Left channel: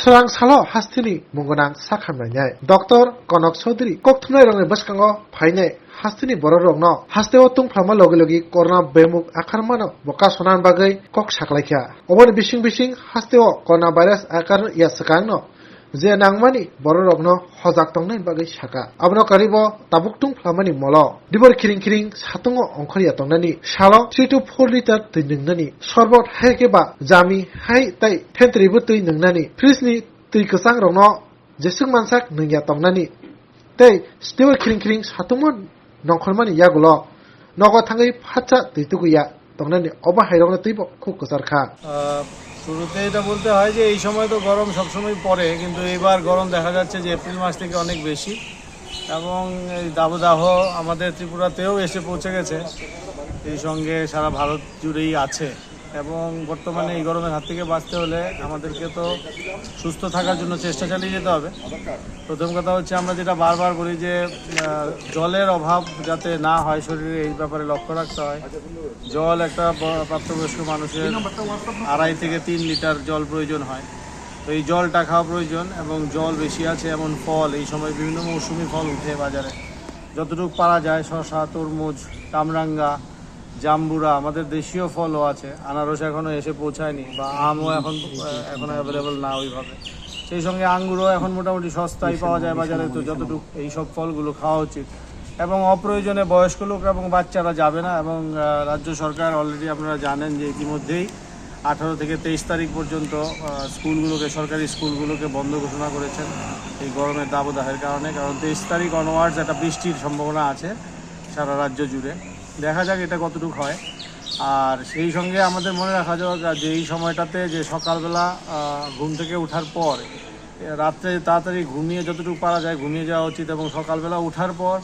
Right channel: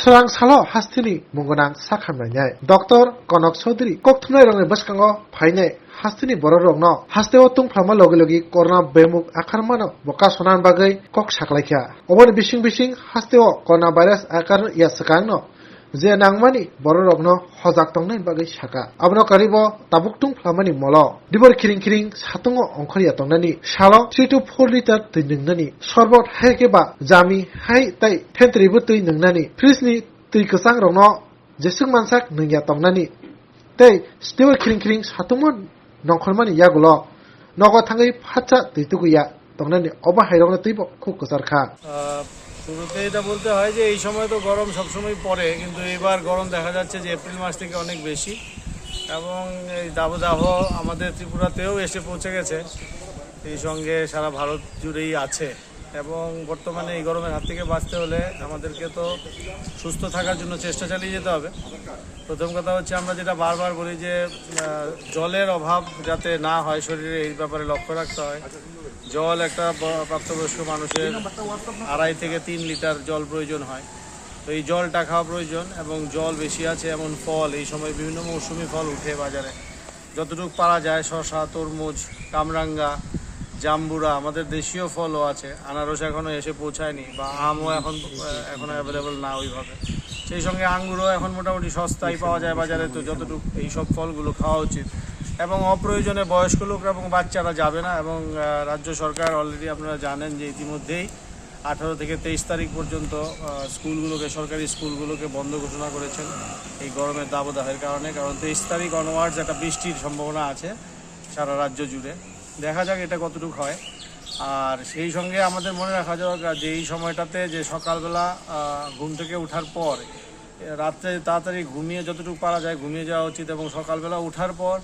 Sarang salo hastini mungonang sakhamnainai. Dr. Konok Chaudhary kokthumnai rongni bwskango phainai hastini borok-rokno hasteo tungflama logi corona bemuk akarmano boka sonan bagai kok saklaikha. Oboni bising hasteo corona virus akar ya sakangno je nangmani borok-rokno hojak tongnai bagai saka. Abono karibo tabuk tungflamani molo dibor kiring satungo ongkhariya tongnani salo 3 to 4 liter tui nungnani sorbot haikeba jami hai tai tentribu tui nungnani fridge tui kesang rokno jesung mansak nungya tongnani tei stewar kiring satungo nongkhormani yagulo nogo thangai phacha tui tukuya tongnani oba hairokno tuibo khub kusarkha শুরুতে এটা বলতে হয় যে এই সময় তো গরম সবসময় পড়ে, কিন্তু এইবার গরম দেখা যাচ্ছে যে এপ্রিল মাস থেকে অনেক বেশি, এবং এই দাবদাহ আমাদের ত্রিপুরাতেও এসে পৌঁছে গেছে, এই সঙ্গে সারা ভারত জুড়েই আছে। এবং বর্তমানে এই গরমের হাত থেকে বাঁচতে হলে আমাদেরকে তো সুস্থ থাকার জন্য চেষ্টা চালিয়ে যেতে হবে। প্রথম কথা হচ্ছে আমরা যেটা বারবার বলি যে জলের অভাব যাতে না হয় শরীরে, এই ব্যাপারে লক্ষ্য রাখতে হয়। জল একটা প্রাপ্তবয়স্ক মানুষের 2.5 থেকে 3 লিটার জল প্রয়োজন হয়, তো এই জলটা খাওয়া প্রয়োজন। এবং জল বেশি আছে এমন ফল, এই সময় বিভিন্ন মৌসুমি ফল উঠে বাজারে, যতটুকু পারা যায় শসা, তরমুজ, কামরাঙ্গা, জাম্বুরা, আমাদের দেশীয় ফলও আছে, আনারস এখনও এসে পৌঁছায়নি, বা আমও এখন অ্যাভেলেবল না ওইভাবে। সেই সঙ্গে আঙ্গুরও এখন মোটামুটি সস্তায় পাওয়া যায় বাজারে, তো যতটুকু এইসব ফলগুলো খাওয়া উচিত। এবং অপ্রয়োজনে বয়স্ক লোক এবং বাচ্চারা যাবে না। এবং রাজ্য সরকার অলরেডি আপনারা জানেন যে ইতিমধ্যেই 18 থেকে 23 তারিখ পর্যন্ত স্কুলগুলোকে, সরকারি স্কুলগুলোকে বন্ধ ঘোষণা করেছেন এই গরমের দাবদাহের কারণে। কারণ 23 তারিখ অনওয়ার্ডস একটা বৃষ্টির সম্ভাবনা আছে সারা রাজ্য জুড়ে, দেখা যাক এটা কতটুকু হয়। আর সেই সঙ্গে আমাদের মনে রাখা যাক যে এই সময়টাতে যে সকালবেলা ঘুম থেকে ওঠার পর রাত্রে তাড়াতাড়ি ঘুমিয়ে যতটুকু পারা যায় ঘুমিয়ে যাওয়া উচিত। এবং সকালবেলা ওঠার পর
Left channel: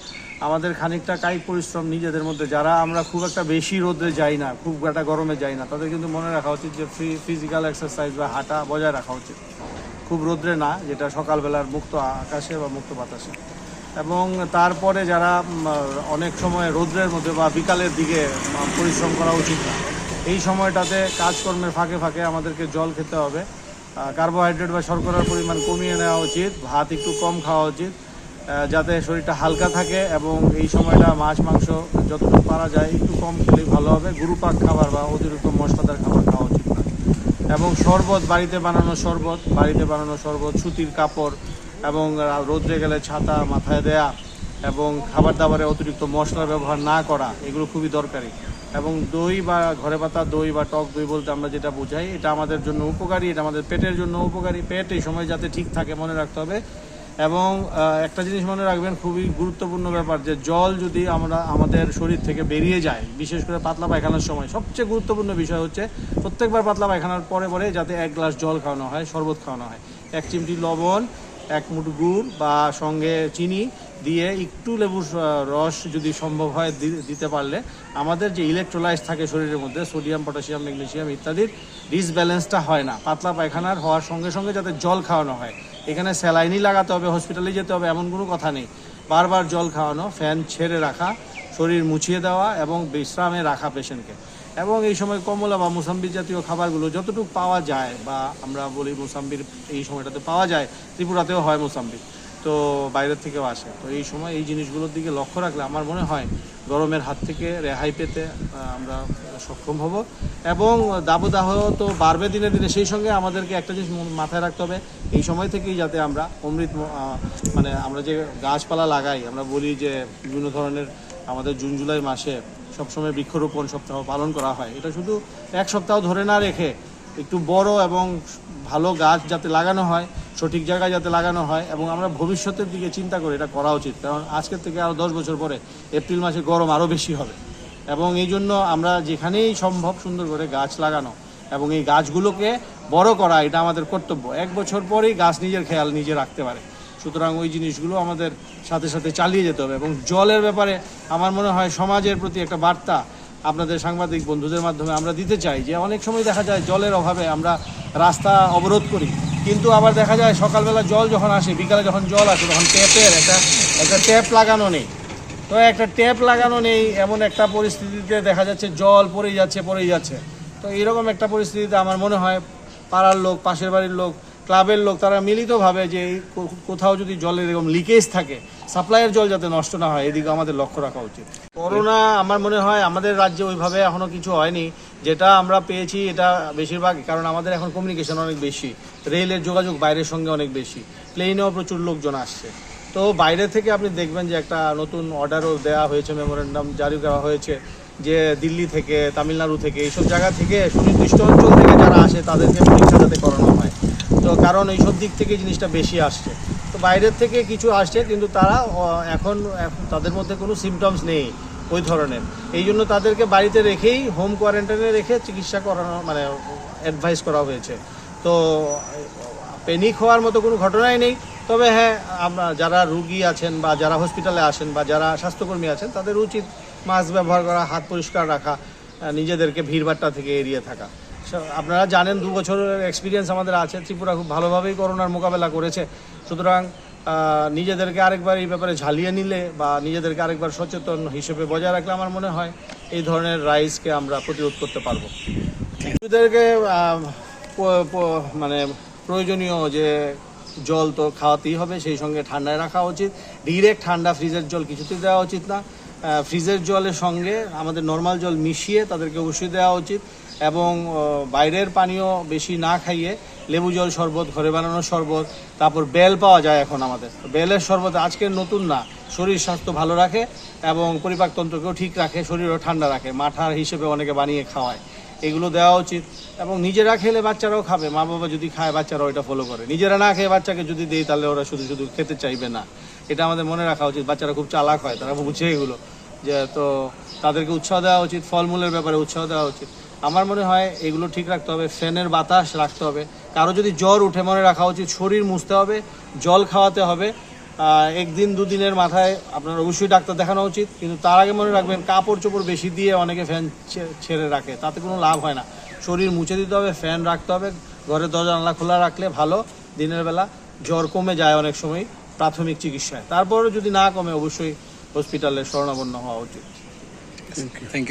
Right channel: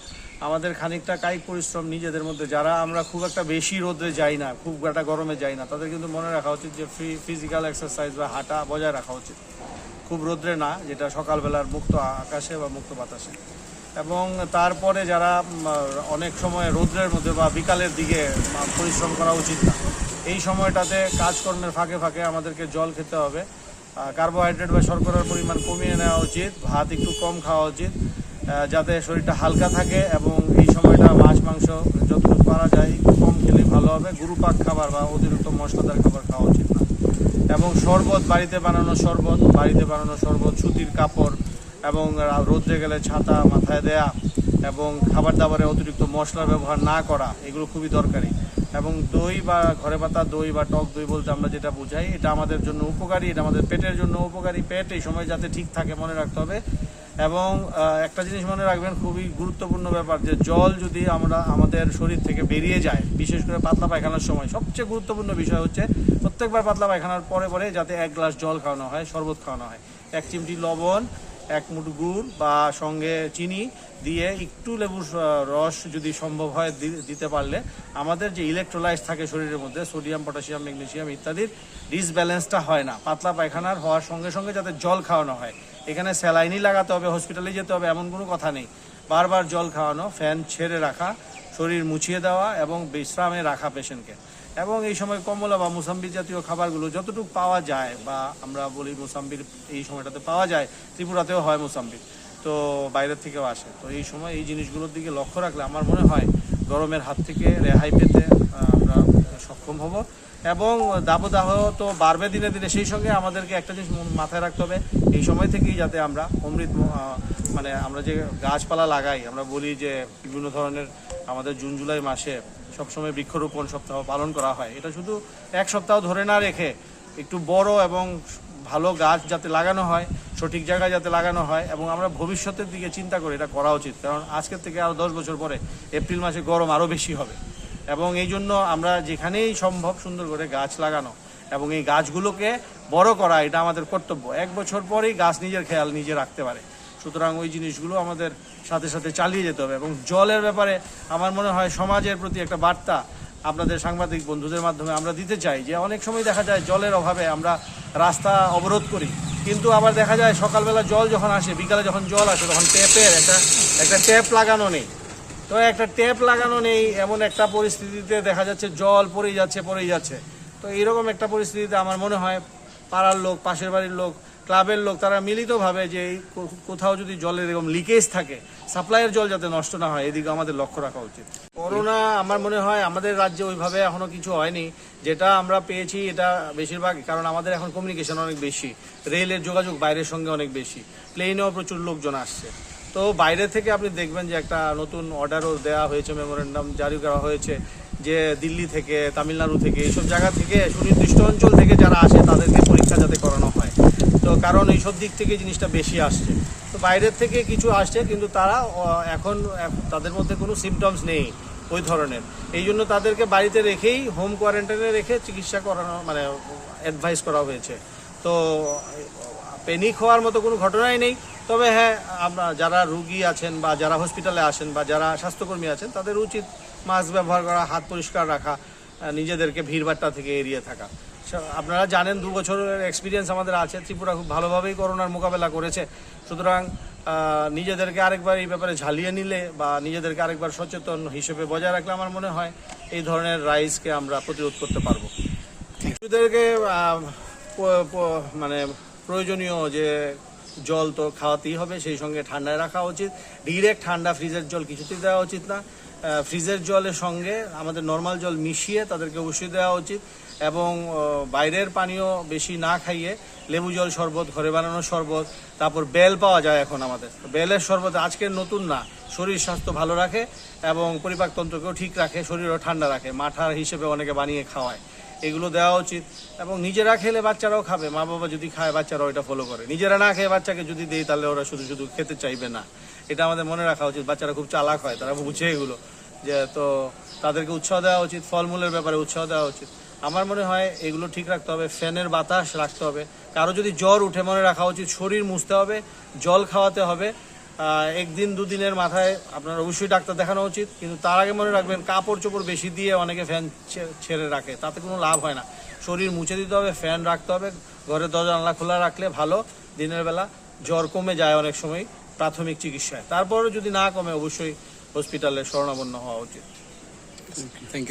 আমাদের খানিকটা কায়িক পরিশ্রম নিজেদের মধ্যে, যারা আমরা খুব একটা বেশি রোদে যাই না, খুব একটা গরমে যাই না, তাদের কিন্তু মনে রাখা উচিত যে ফিজিক্যাল এক্সারসাইজ বা হাঁটা বজায় রাখা উচিত, খুব রোদ্রে না, যেটা সকালবেলার মুক্ত আকাশে বা মুক্ত বাতাসে। এবং তারপরে যারা অনেক সময় রোদ্রের মধ্যে বা বিকালের দিকে পরিশ্রম করা উচিত না, এই সময়টাতে কাজকর্মের ফাঁকে আমাদেরকে জল খেতে হবে। কার্বোহাইড্রেট বা শর্করার পরিমাণ কমিয়ে নেওয়া উচিত, ভাত একটু কম খাওয়া উচিত, যাতে শরীরটা হালকা থাকে। এবং এই সময়টা মাছ মাংস যতটুকু পারা যায় একটু কম খেলেই ভালো হবে। গুরুপাক খাবার বা অতিরিক্ত মশলাদার খাবার খাওয়া উচিত না। এবং শরবত, বাড়িতে বানানো শরবত, সুতির কাপড়, এবং রোদ্রে গেলে ছাতা মাথায় দেয়া, এবং খাবার দাবারে অতিরিক্ত মশলার ব্যবহার না করা, এগুলো খুবই দরকারি। এবং দই বা ঘরে পাতা দই বা টক দই বলতে আমরা যেটা বোঝাই, এটা আমাদের জন্য উপকারী, এটা আমাদের পেটের জন্য উপকারী। পেট এই সময় যাতে ঠিক থাকে মনে রাখতে হবে। এবং একটা জিনিস মনে রাখবেন, খুবই গুরুত্বপূর্ণ ব্যাপার, যে জল যদি আমাদের শরীর থেকে বেরিয়ে যায়, বিশেষ করে পাতলা পায়খানার সময়, সবচেয়ে গুরুত্বপূর্ণ বিষয় হচ্ছে প্রত্যেকবার পাতলা পায়খানার পরে যাতে 1 গ্লাস জল খাওয়ানো হয়, শরবত খাওয়ানো হয়। 1 চিমটি লবণ, 1 মুঠো গুড় বা সঙ্গে চিনি দিয়ে একটু লেবুর রস যদি সম্ভব হয় দিতে পারলে আমাদের যে ইলেকট্রোলাইট থাকে শরীরের মধ্যে, সোডিয়াম, পটাশিয়াম, ম্যাগনেসিয়াম ইত্যাদির ডিসব্যালেন্সটা হয় না। পাতলা পায়খানার হওয়ার সঙ্গে যাতে জল খাওয়ানো হয়। এখানে স্যালাইনই লাগাতে হবে, হসপিটালে যেতে হবে এমন কোনো কথা নেই। বারবার জল খাওয়ানো, ফ্যান ছেড়ে রাখা, শরীর মুছিয়ে দেওয়া এবং বিশ্রামে রাখা পেশেন্টকে। এবং এই সময় কমলা বা মুসাম্বি জাতীয় খাবারগুলো যতটুকু পাওয়া যায়, বা আমরা বলি মুসাম্বির এই সময়টাতে পাওয়া যায়, ত্রিপুরাতেও হয় মুসাম্বি, তো বাইরের থেকেও আসে। তো এই সময় এই জিনিসগুলোর দিকে লক্ষ্য রাখলে আমার মনে হয় গরমের হাত থেকে রেহাই পেতে আমরা সক্ষম হব। এবং দাবদাহ তো বাড়বে দিনে দিনে, সেই সঙ্গে আমাদেরকে একটা জিনিস মাথায় রাখতে হবে, এই সময় থেকেই যাতে আমরা মানে আমরা যে গাছপালা লাগাই, আমরা বলি যে বিভিন্ন ধরনের আমাদের জুন জুলাই মাসে সবসময় বৃক্ষরোপণ সপ্তাহ পালন করা হয়। এটা শুধু 1 সপ্তাহ ধরে না রেখে একটু বড় এবং ভালো গাছ যাতে লাগানো হয়, সঠিক জায়গায় যাতে লাগানো হয়, এবং আমরা ভবিষ্যতের দিকে চিন্তা করে এটা করা উচিত। কারণ আজকের থেকে আরও 10 বছর পরে এপ্রিল মাসে গরম আরও বেশি হবে। এবং এই জন্য আমরা যেখানেই সম্ভব সুন্দর করে গাছ লাগানো এবং এই গাছগুলোকে বড় করা, এটা আমাদের কর্তব্য। 1 বছর পরেই গাছ নিজের খেয়াল নিজে রাখতে পারে। সুতরাং ওই জিনিসগুলো আমাদের সাথে চালিয়ে যেতে হবে। এবং জলের ব্যাপারে আমার মনে হয় সমাজের প্রতি একটা বার্তা আপনাদের সাংবাদিক বন্ধুদের মাধ্যমে আমরা দিতে চাই, যে অনেক সময় দেখা যায় জলের অভাবে আমরা রাস্তা অবরোধ করি, কিন্তু আবার দেখা যায় সকালবেলা জল যখন আসে, বিকালে যখন জল আসে, তখন ট্যাপের একটা ট্যাপ লাগানো নেই। তো একটা ট্যাপ লাগানো নেই এমন একটা পরিস্থিতিতে দেখা যাচ্ছে জল পড়েই যাচ্ছে। তো এইরকম একটা পরিস্থিতিতে আমার মনে হয় পাড়ার লোক, পাশের বাড়ির লোক ক্লাবের লোক তারা মিলিতভাবে যে কোথাও যদি জলের এরকম লিকেজ থাকে, সাপ্লাইয়ের জল যাতে নষ্ট না হয় এদিকে আমাদের লক্ষ্য রাখা উচিত। করোনা আমার মনে হয় আমাদের রাজ্যে ওইভাবে এখনো কিছু হয়নি। যেটা আমরা পেয়েছি এটা বেশিরভাগ, কারণ আমাদের এখন কমিউনিকেশন অনেক বেশি, রেলের যোগাযোগ বাইরের সঙ্গে অনেক বেশি, প্লেনেও প্রচুর লোকজন আসছে। তো বাইরে থেকে আপনি দেখবেন যে একটা নতুন অর্ডারও দেওয়া হয়েছে, মেমোরেন্ডাম জারি করা হয়েছে যে দিল্লি থেকে, তামিলনাড়ু থেকে, এইসব জায়গা থেকে সুনির্দিষ্ট অঞ্চল থেকে যারা আসে তাদেরকে পরীক্ষা যাতে করানো হয়। তো কারণ এইসব দিক থেকে জিনিসটা বেশি আসছে। তো বাইরের থেকে কিছু আসছে, কিন্তু তারা এখন তাদের মধ্যে কোনো সিমটমস নেই ওই ধরনের। এই জন্য তাদেরকে বাড়িতে রেখেই হোম কোয়ারেন্টাইনে রেখে চিকিৎসা করানো মানে অ্যাডভাইস করা হয়েছে। তো প্যানিক হওয়ার মতো কোনো ঘটনাই নেই। তবে হ্যাঁ, আমরা যারা রুগী আছেন বা যারা হসপিটালে আসেন বা যারা স্বাস্থ্যকর্মী আছেন তাদের উচিত মাস্ক ব্যবহার করা, হাত পরিষ্কার রাখা, নিজেদেরকে ভিড়ভাট্টা থেকে এড়িয়ে থাকা। আপনারা জানেন 2 বছরের এক্সপিরিয়েন্স আমাদের আছে, ত্রিপুরা খুব ভালোভাবেই করোনার মোকাবেলা করেছে। সুতরাং নিজেদেরকে আরেকবার এই ব্যাপারে ঝালিয়ে নিলে বা নিজেদেরকে আরেকবার সচেতন হিসেবে বজায় রাখলে আমার মনে হয় এই ধরনের রাইজকে আমরা প্রতিরোধ করতে পারবো। শিশুদেরকে মানে প্রয়োজনীয় যে জল তো খাওয়াতেই হবে, সেই সঙ্গে ঠান্ডায় রাখা উচিত। ডিরেক্ট ঠান্ডা ফ্রিজের জল কিছুতেই দেওয়া উচিত না। ফ্রিজের জলের সঙ্গে আমাদের নর্মাল জল মিশিয়ে তাদেরকে অবশ্যই দেওয়া উচিত। এবং বাইরের পানীয় বেশি না খাইয়ে লেবু জল শরবত, ঘরে বানানো শরবত, তারপর বেল পাওয়া যায় এখন আমাদের, বেলের শরবত আজকের নতুন না, শরীর স্বাস্থ্য ভালো রাখে এবং পরিপাকতন্ত্রকেও ঠিক রাখে, শরীরও ঠান্ডা রাখে, মাঠার হিসেবে অনেকে বানিয়ে খাওয়ায়, এগুলো দেওয়া উচিত। এবং নিজেরা খেলে বাচ্চারাও খাবে, মা বাবা যদি খায় বাচ্চারাও এটা ফলো করে। নিজেরা না খেয়ে বাচ্চাকে যদি দেই তাহলে ওরা শুধু শুধু খেতে চাইবে না, এটা আমাদের মনে রাখা উচিত। বাচ্চারা খুব চালাক হয়, তারা বুঝে এগুলো, যে তো তাদেরকে উৎসাহ দেওয়া উচিত, ফলমূলের ব্যাপারে উৎসাহ দেওয়া উচিত। আমার মনে হয় এগুলো ঠিক রাখতে হবে, ফ্যানের বাতাস রাখতে হবে। কারো যদি জ্বর উঠে মনে রাখা উচিত শরীর মুছতে হবে, জল খাওয়াতে হবে। 1 দিন 2 দিনের মাথায় আপনার অবশ্যই ডাক্তার দেখানো উচিত। কিন্তু তার আগে মনে রাখবেন কাপড় চোপড় বেশি দিয়ে অনেকে ফ্যান ছেড়ে রাখে, তাতে কোনো লাভ হয় না। শরীর মুছে দিতে হবে, ফ্যান রাখতে হবে, ঘরের দরজা জানলা খোলা রাখলে ভালো। দিনের বেলা জ্বর কমে যায় অনেক সময় প্রাথমিক চিকিৎসায়, তারপরও যদি না কমে অবশ্যই হসপিটালে শরণাপন্ন হওয়া উচিত। Thank you.